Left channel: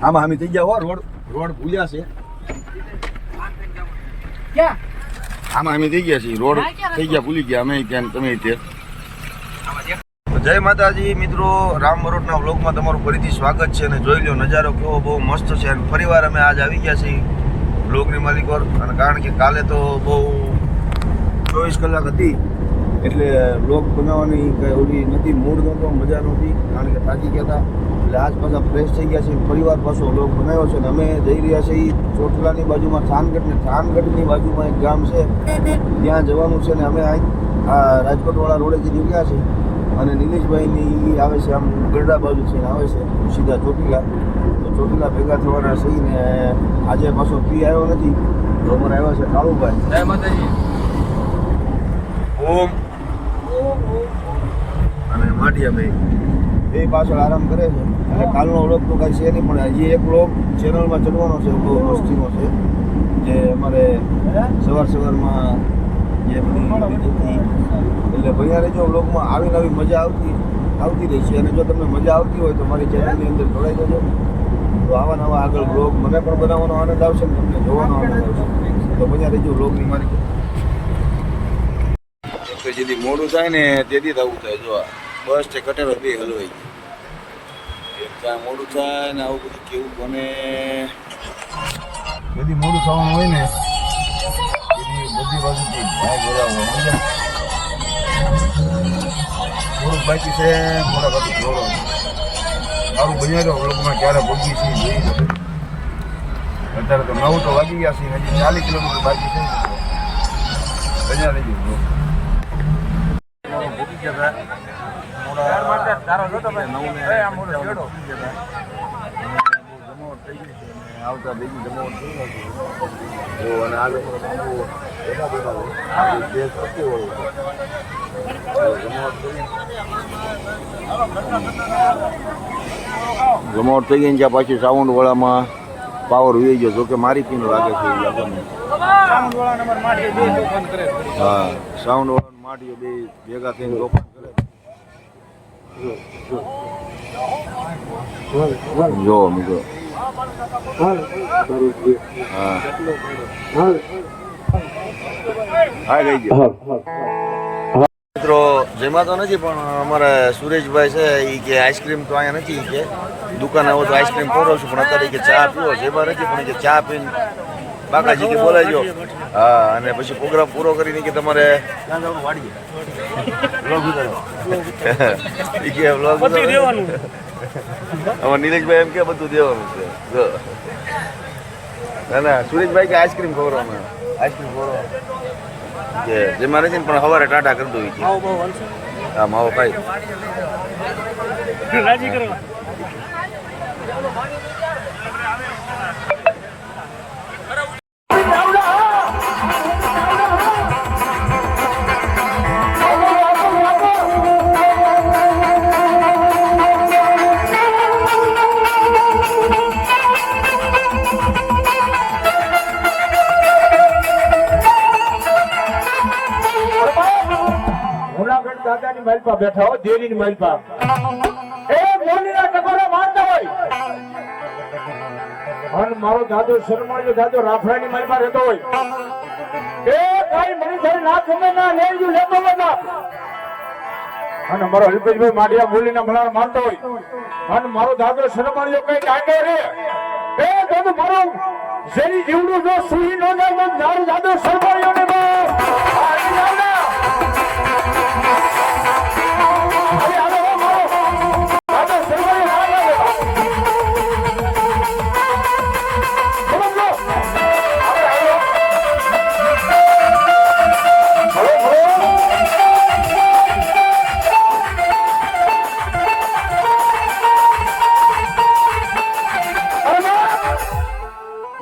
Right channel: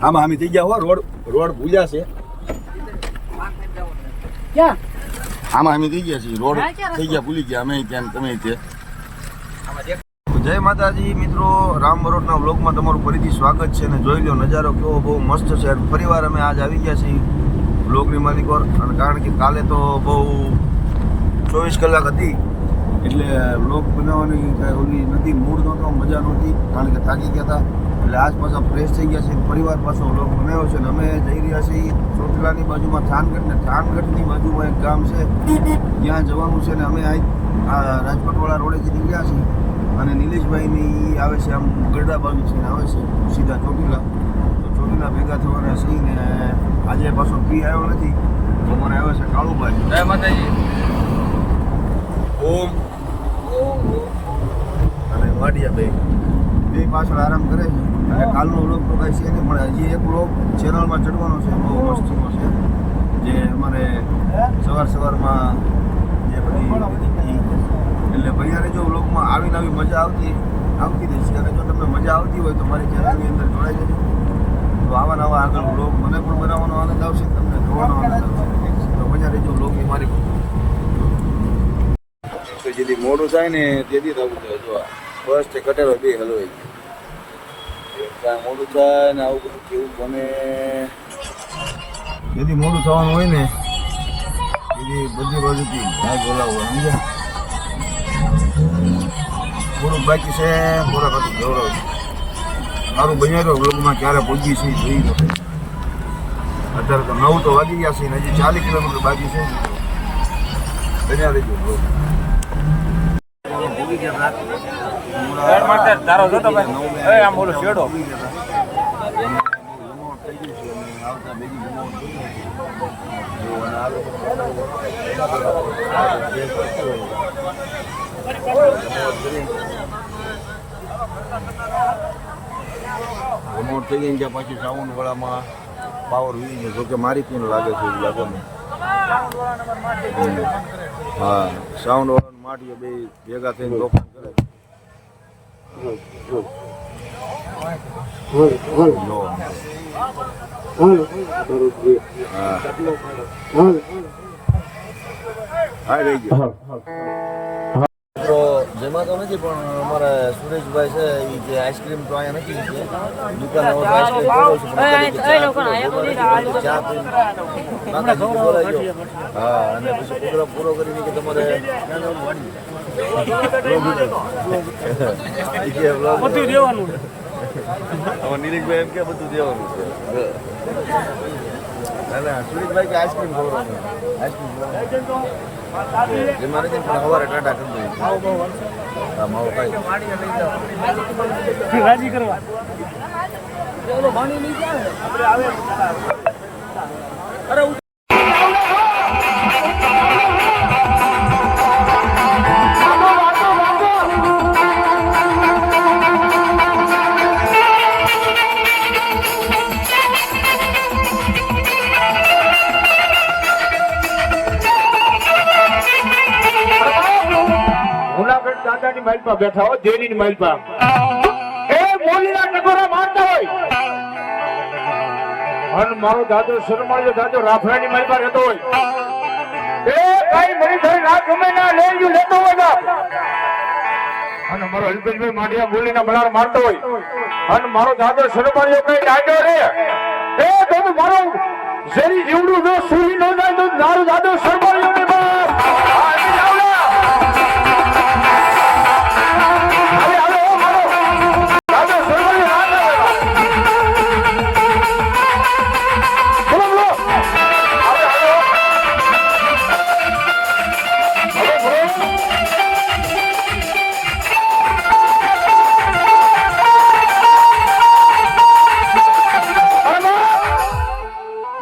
આમાં અમે થઈ ગયા હો રોડ ભૂલ્યા છે ક્યાં આમાં અમે થઈ ગયા છીએ રોડ થઈ ગયા ભૂલી ગયા અમે ત્યાં તમે તે જય માતાજી મિત્રો, રામ બરોટના વ્લોગમાં તમારું ફરીથી સ્વાગત છે અને જોઈ લો નજારો કેવો બહુ મસ્ત છે અને ફરીવાર અમે આજ આવી ગયા છીએ વ્લોગની માલિકો અને કારણ કે કાલે તો બહુ 24 કલાક હતી એટલે વ્લોગ બનાવવાની કંઈ ઓલી નથી, મૂડ નહોતો, મજા નહોતી કારણ કે થાકી ગયા હતા એટલે આજ પાછા ફ્રેશ થઈ ગયા છે ફરીવાર પાછો વ્લોગ બનાવ્યો છે અને અમે જઈ રહ્યા છીએ ચોટીલાની બાજુમાં થાનગઢ ને થાનગઢની બાજુમાં એક ગામ છે ત્યાં જવાનું છે ને અમે આ રાજકોટવાળા રોડેથી નીકળ્યા છીએ અને નિલેશભાઈની આવે છે આમ ગરડા બાજુ છે આવે છે સીધા ચોટીલા, તો ચોટીલા ભેગા થવાના છીએ ને આજે પાછો ફ્રી આવ્યો નથી તો અમારે આવ્યા છે કાળુભાઈ ઓમ અને માટિયાભાઈ બે પાછળ આરામ કરે છે અને કાલનો વ્લોગ તો કાંઈ છે નહીં પણ હજી એક વ્લોગ ચેનલમાં ચડવાનો છે બહુ મસ્તીનો છે જે અમારે સવારમાં જે બધી એટલે ભણ્યા રહેજો વ્લોગમાં આવીને આવી મજા આવતી રહી છે અને જો તમને મજા આવતી હોય તો મારી ચેનલની અંદર જોડાઈ જજો તો આવા નવા આગળ વ્લોગ મને પણ બનાવવાનો આનંદ આવશે ને તમને જોવાનો આનંદ આવશે તો મજા રહેજો વ્લોગની મારી જેથી મોડું થાય ને તેથી થવું થાય જો બસ તે કટેલો બે હલવાઈ ત્યાં મોડું થાય ને આવું બધું કેવું બને જેથી મોડું થવાનું હોય ને એથી બધી બાજુથી ભાઈ બોલાવો સમજે થોડુંક બાકી છે થોડાક હતું જોડો મારું બન્યા તો વ્લોગમાં ક્યારે પહોંચી છે જોઈ જશે અત્યારે તો 9 તો વાગી ગયા છે ને હજી 40 કિલોમીટર બાકી છે બન્યા રહી ગયું વ્લોગ ભોગી ગયા હતા મોડા 9 ને ભોગી ગયા હતા અને બહુ જમાવટ થઈ ગઈ છે અને આવતા બીજી જમાવટ થઈ ગઈ જો અને આ લોકો જમાવટ થઈ ગઈ ત્યાં પાછી સાઉન્ડ વાળામાં પાવર ઉઈ ગયો જોકે મારી પીન લાગે છે એવું લાગે મને હા સાઉન્ડ વાળા માટીઓ બે ભેગા થઈને તોફાન કરે જો મૂકો હા હા ગઈ ગયો મિત્રો જેમાં તો નથી પણ અમારા સુરેશભાઈ છે એ કે આઈસ્ક્રીમ તો અહીંયા નથી કે દુકાન આવો તો આઈસ્ક્રીમ પીવડાવું છું પણ અત્યારે કે ચા પીવો જેમાં નથી પણ કે ચા પીને બાકાજી કે બોલાવજો હા અને પછી પ્રોગ્રામ પૂરો કરીને કે તમારે ક્યાં જવાનું વાડીએ વ્લોગ ઉતારવા એ કે વ્લોગ બધું દેવાનું અમારા નીરજભાઈ એમ કે બધું દેવાનું છે ના ના સુરેશભાઈ કે આઈસ્ક્રીમ ખવડાવવાનું આઈસ્ક્રીમ ખવડાવવાનું કે જેમાં નથી પણ સવારે ટાટા કરી દઉં હા માવો ખાઈ રાજી કરવા દાદાની માલપા બેઠા હોય દેવીની માલપા એ મોલીના ટકોરા મારતા હોય અને મારો દાદો શર્માજો દાદો રાફડાની માલપા રહેતો હોય એ ભાઈ મરી ઘરે રાત ગમે ના લેજો લેતો હોય બાપ અને મારો અલ્પેશભાઈ માડિયા મોલીના મલાર મારતો હોય અને મારો દાદો શર્માજો કઈ ડાંડો રે એ તો મારો શેરી જીવડું જો સુરી નો જાય તો મારો દાદો શર્માજો ને બાપ આવી જાવ ના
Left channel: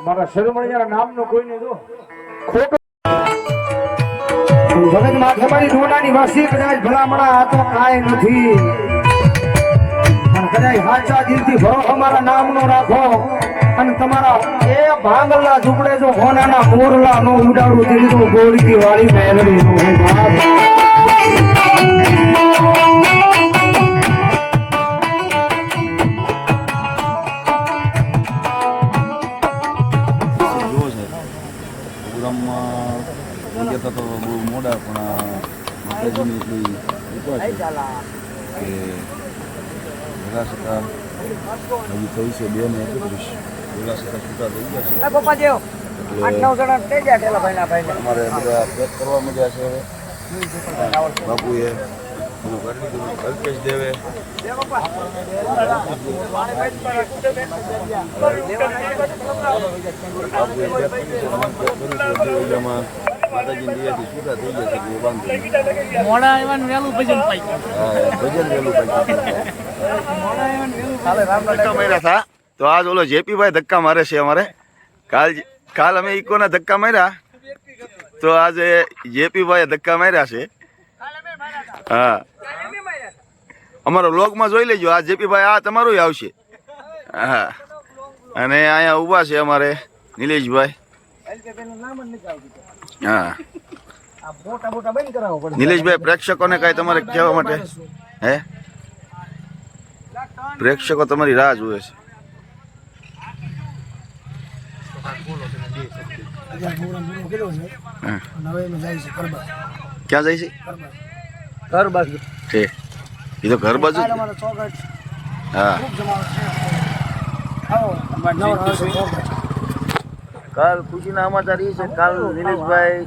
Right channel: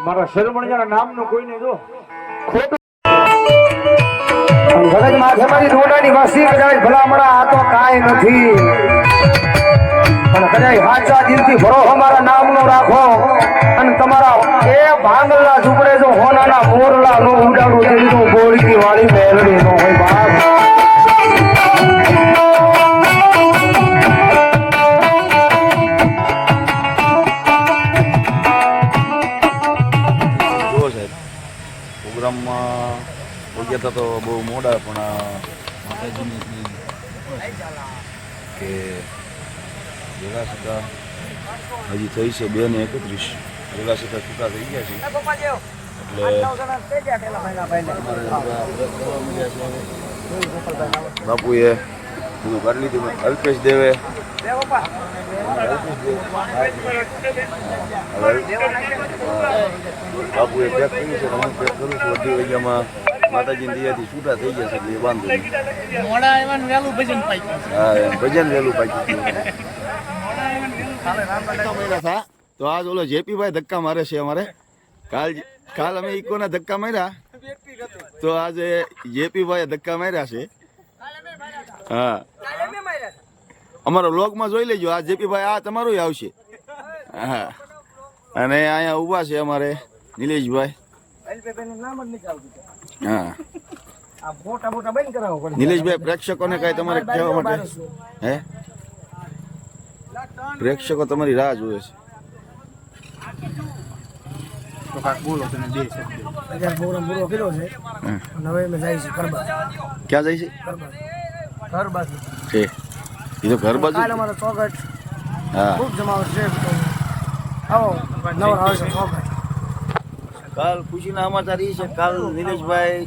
મારા શરમણિયાના નામનો કોઈને જો ખોટું ભગત માથેમારી ડોડાની વાસી કદાચ ભલામણા આ તો કાંઈ નથી અને કદાચ હાચા દિલથી ભરોસો મારા નામનો રાખો અને તમારા એ ભાંગલા ઝૂપડે જો હોનાના મોરલા નો ઉડાડું તેની તો ગોળકી વાળી મેલડી નો હોય બાપ પ્રોગ્રામમાં પહોંચ્યા હતા તો બહુ મોડા, પણ માતાજીની એટલી કૃપા છે કે વહેલા છતાં હજી થઈ છે 2:31, વહેલા છતાં છૂટા થઈ ગયા છે. એટલે અમારે બધા પેક કરવા માંડ્યા છે. હવે બાપુએ બધું કરી લીધું. અલ્પેશ દેવે બાપુએ પેક કર્યું છે, હું પેક કરું છું. અડધી વાગ્યામાં માતાજીની દયાથી છૂટા થઈ ગયા છે, એટલે એ વાંધો નહીં. હા, ભજન વહેલું પાક્યું ધક્કા માર્યા હતા. તો આજ ઓલો જેપીભાઈ ધક્કા મારે છે અમારે. કાલ અમે ઇકોના ધક્કા માર્યા, તો આજે જેપીભાઈએ ધક્કા માર્યા છે. હા, અમારો વ્લોગમાં જોઈ લેજો. આ જેપીભાઈ આ તમારું આવશે. હા, અને અહીંયા ઊભા છે અમારે નિલેશભાઈ. હા, નિલેશભાઈ, પ્રેક્ષકોને કઈ તમારે કહેવા માટે? હે, પ્રેક્ષકો તમારી રાહ જોવે છે. ક્યાં જાય છે? એ તો ઘર બાજુ. હા, કાલ ખુશીના સમાચાર એ છે, કાલ નિલેશભાઈ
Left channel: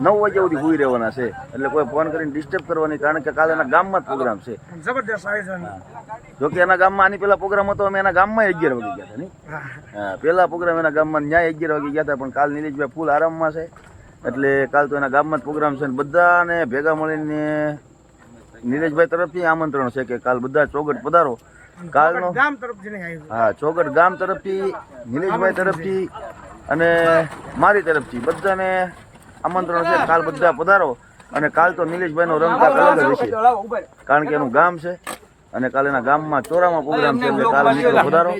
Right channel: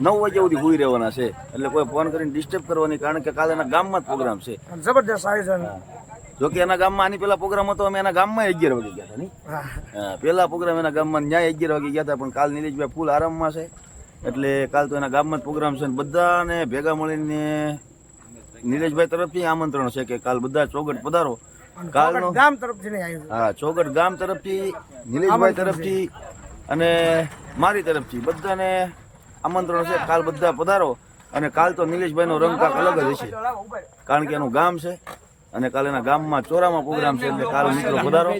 9 વાગ્યા સુધી સુઈ રહેવાના છે. એટલે કોઈ ફોન કરીને ડિસ્ટર્બ કરવાની, કારણ કે કાલે એના ગામમાં જ પ્રોગ્રામ છે. જબરદસ્ત આયોજન. જો કે એના ગામમાં આની પેલા પ્રોગ્રામ હતો, અમે એના ગામમાં 11 વાગે ગયા હતા. નહીં, હા, પેલા પ્રોગ્રામ એના ગામમાં ન્યાય 11 વાગે ગયા હતા, પણ કાલ નિલેશભાઈ ફૂલ આરામમાં છે. એટલે કાલ તો એના ગામમાં જ પ્રોગ્રામ છે. બધાને ભેગા મળીને નિલેશભાઈ તરફથી આમંત્રણ છે કે કાલ બધા ચોગટ પધારો. કાલનો ગામ તરફથી નહીં આવ્યું. હા, ચોગટ ગામ તરફથી, નિલેશભાઈ તરફથી અને મારી તરફથી બધાને આમંત્રણ છે. કાલ બધા પધારો. અને કાલ તો નિલેશભાઈનો રંગ કાંક અલગ જ હશે, કારણ કે એનું ગામ છે. અને કાલે એના ગામમાં ચોરામાં પ્રોગ્રામ છે. એટલે કાલ મિત્રો પધારો,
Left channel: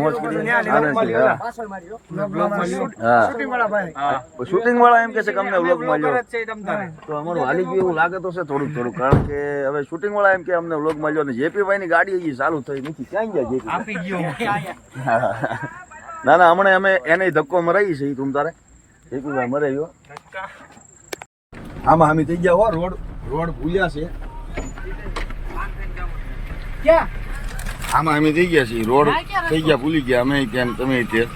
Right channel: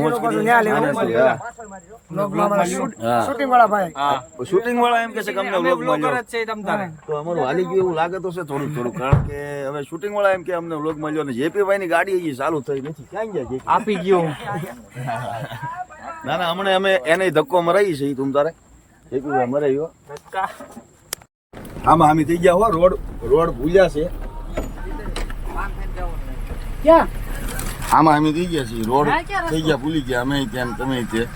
મોજ કરી, આનંદ કરી. હા, શૂટિંગ વાળા એમ કે છે કે અમને વ્લોગમાં લ્યો. તો અમારું હાલી ગયું એવું લાગે તો છે થોડું, કારણ કે હવે શૂટિંંગ વાળા એમ કે અમને વ્લોગમાં લ્યો. અને જેપીભાઈ ની ગાડી હજી ચાલુ થઈ નથી. ક્યાં ગયા જેપી? આપી ગયો. ના ના, હમણાં અમે એને ધક્કો મરાઈ છે. તું તારે જેપીભાઈ મરાયો. આમાં હામી થઈ ગયા હો. રોડ ભૂલ્યા છે. આમાં અમે થઈ ગયા છીએ. રોડ થઈ ગયા, ભૂલી ગયા અમે ત્યાં, તમે ત્યાં.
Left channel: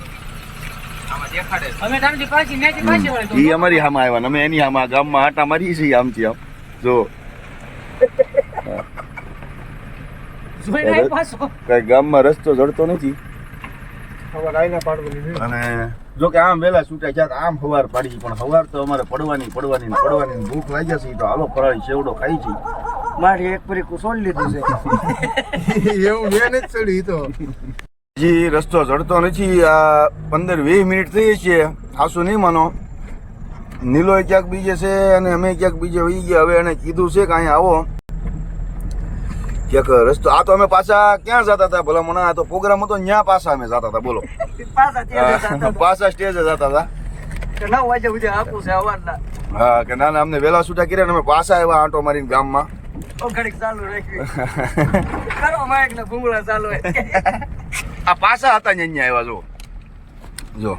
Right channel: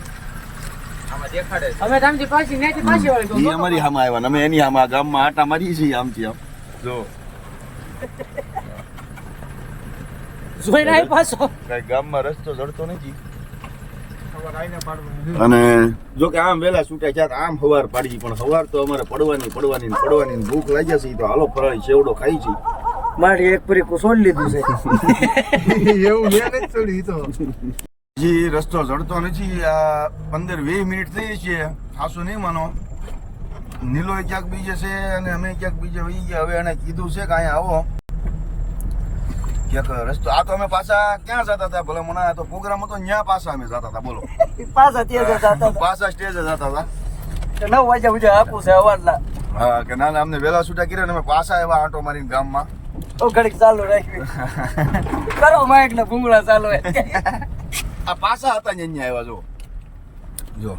એ અમારી હામાં આવ્યા, અમે એની હામાં ગામમાં આટા મારી છીએ આમથી આમ. જો કઈ ગામમાં રસ્તો જડતો નથી. અને જો કે આમ વેલા છૂટાય છે, આમ હવાર પાડી, પણ હવાર તો અમારે પડવાની ભૂખ લાગ્યા છે. તો હાલો ફરાળી સેવડો ખાઈ છે. મારી એક પૂરી કુસોડ લીધું છે. એવું મેં નથી છોડી. તો હજી રસ્તો જડતો નથી. આ 15-20 મિનિટ થઈ છે. આસુ નહીં માનો. નીલો ક્યાંક બીજે છે અને અમે ક્યાંક બીજે વહી ગયા. હવે એને કીધું છે કે અહીંયા આવો ક્યાંક રસ્તો. આ તો અમે પાછા ક્યાં જતા હતા ભલા મને? આ તો પ્રોગ્રામ હતો, ત્યાં પાછા અમે જતા હતા. બોલો, પાછા સ્ટેજે જતા હતા. 9 વાગ્યા સુધી આપું છે અવાજના. હા, કે ના ના, અમને વેલા છૂટા કર્યા ને અમે પાછા આવ્યા આંટો મારીને ગામમાં. ઘડીક ચાલુ રાખી કરો માઇક ને ભૂંગળા ચાલુ. આ પાછા હતા ને અહીંયા આવ્યા. જો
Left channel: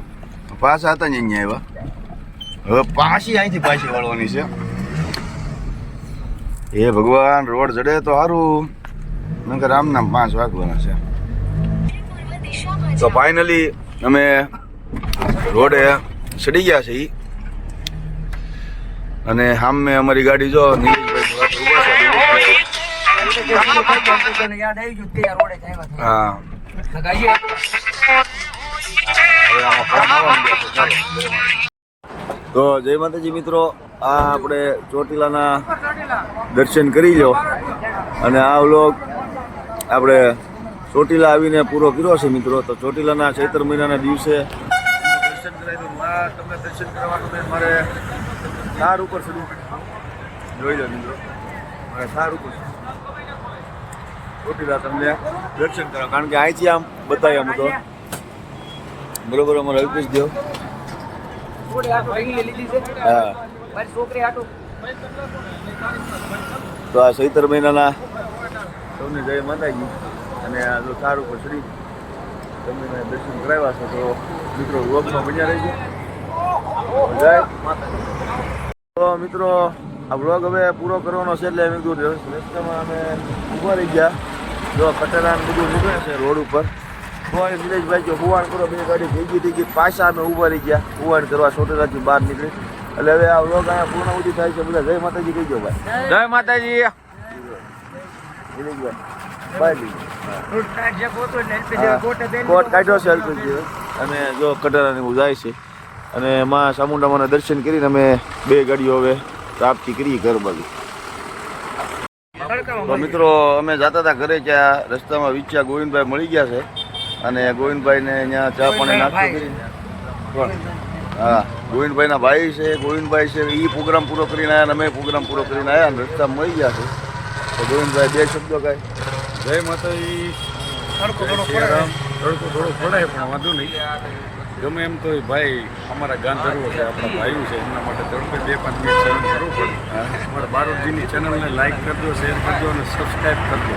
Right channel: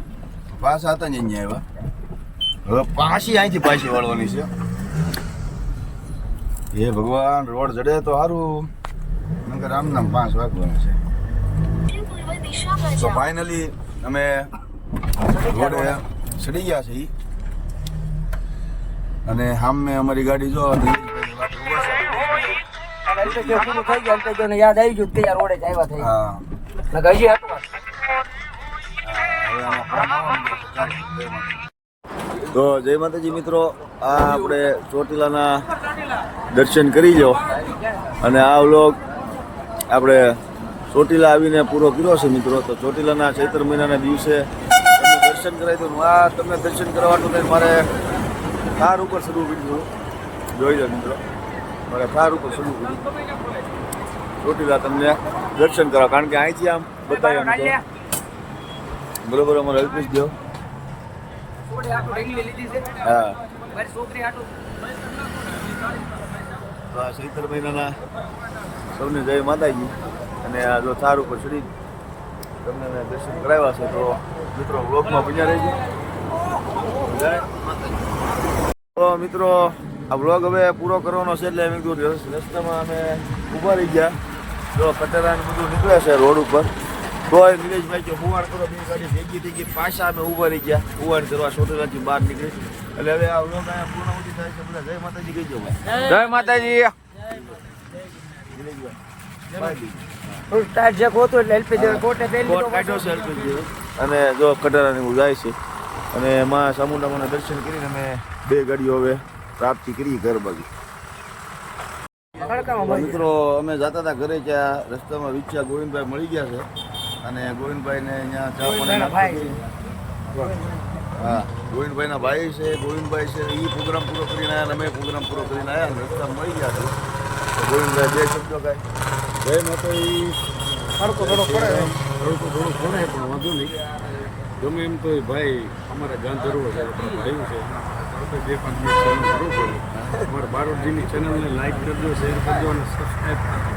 પાછા હતા ને અહીંયા આવ્યા. હવે પાછી અહીંથી પાછી વળવાની છે. હે ભગવાન, રોડ જડે તો સારું, નકર આમ નામ 5 વાગવાના છે. તો ફાઇનલી અમે રોડે ચડી ગયા છે. અને સામે અમારી ગાડી જો નિલેશભાઈ ઉભા છે. યાદ આવી ગયું તે રોડે જ આવ્યા હતા. હા, હજી હવે આમાં ફોન આવવા માંડ્યા છે. ચાલો, જય માતા. તો જય માતાજી મિત્રો, આ આપણે ચોટીલાના દર્શન કરી લો. અને આ વ્લોગ આપણે ચોટીલા આવીને પૂરો કર્યો છે મિત્રો. તો ચોટીલાના ચૈત્ર મહિનાના દિવસે તમને દર્શન કરાવી દઉં. આ તમને દર્શન કરવાનું થઈને મારે થાર ઉપર ચડવું પડ્યું. જોઈ લો મિત્રો, મારે થાર ઉપર ચડવું પડ્યું ચોટીલા તમને દર્શન કરવા, કારણ કે અહીંથી આમ બતાવ્યા આમ તો બરોબર. અમારે અલ્પેશ દેવ. હા, તો આ ચૈત્ર મહિનાના સૌને જય માતાજી. અને આ જો થાર ઉપર ચડી તમને મેં દર્શન કરાવ્યા છે. તો મિત્રો વ્લોગમાં બન્યા રહેજો. જય તો મિત્રો આ બ્લોગ હવે પૂરો કરવાનો છે એટલે મેં કીધું રસ્તામાં અમે ઊભા રહી ગયા. જો કટરા ને બધું નીકળે છે રોડ ઉપર. તો નિલેશભાઈ જો હુવાણ કરો, બે ગાડી ભેગી થઈ ગઈ, પાછા અમે ઊભા રહી ગયા હુવાણ કરવા સોટેલાથી બહાર નીકળી. એટલે હવે આ બ્લોગ અહીંયા પૂર્ણાહુતિ થાય છે. બધા જય માતાજી કહી દો ભાઈ. જય માતાજી. નિલેશભાઈ કોટ કાઢ્યો છે અલ્પેશભાઈ. અને જો કટરાની હું જાય છે અને માં ચામુંડામાના દર્શન કરીને અમે બે ગાડીઓ હવે પ્રાપ્તિ કરી ઘર બાજુ. તો મિત્રો અમે જતા હતા ઘરે, ત્યાં રસ્તામાં વિચ્યા ગોવિંદભાઈ મળી ગયા છે અને ગોવિંદભાઈને અહીંયા ચા પાણી નાસ્તો કરી. હા, ગોવિંદભાઈના ભાઈ છે, ગોવિંદભાઈ છે, એ પ્રોગ્રામ પૂરો કરીને આવ્યા અને અમે પ્રોગ્રામ પૂરો કરીને આવ્યા અને રસ્તા મળી ગયા છે. તો ગોવિંદભાઈ બે શબ્દો કાંઈ. જય માતાજી. તડકો થોડો પડે પણ વાંધો નહીં. ગમે એમ તો ભાઈ અમારા ગાંધર્વો છે, આપણા ભાઈઓ છે, એમના માટે તડપે 2-5 મિનિટ સહન કરવું પડે. અમારા બારોટજીની ચેનલને લાઈક કરજો, શેર કરજો અને સબસ્ક્રાઈબ કરજો.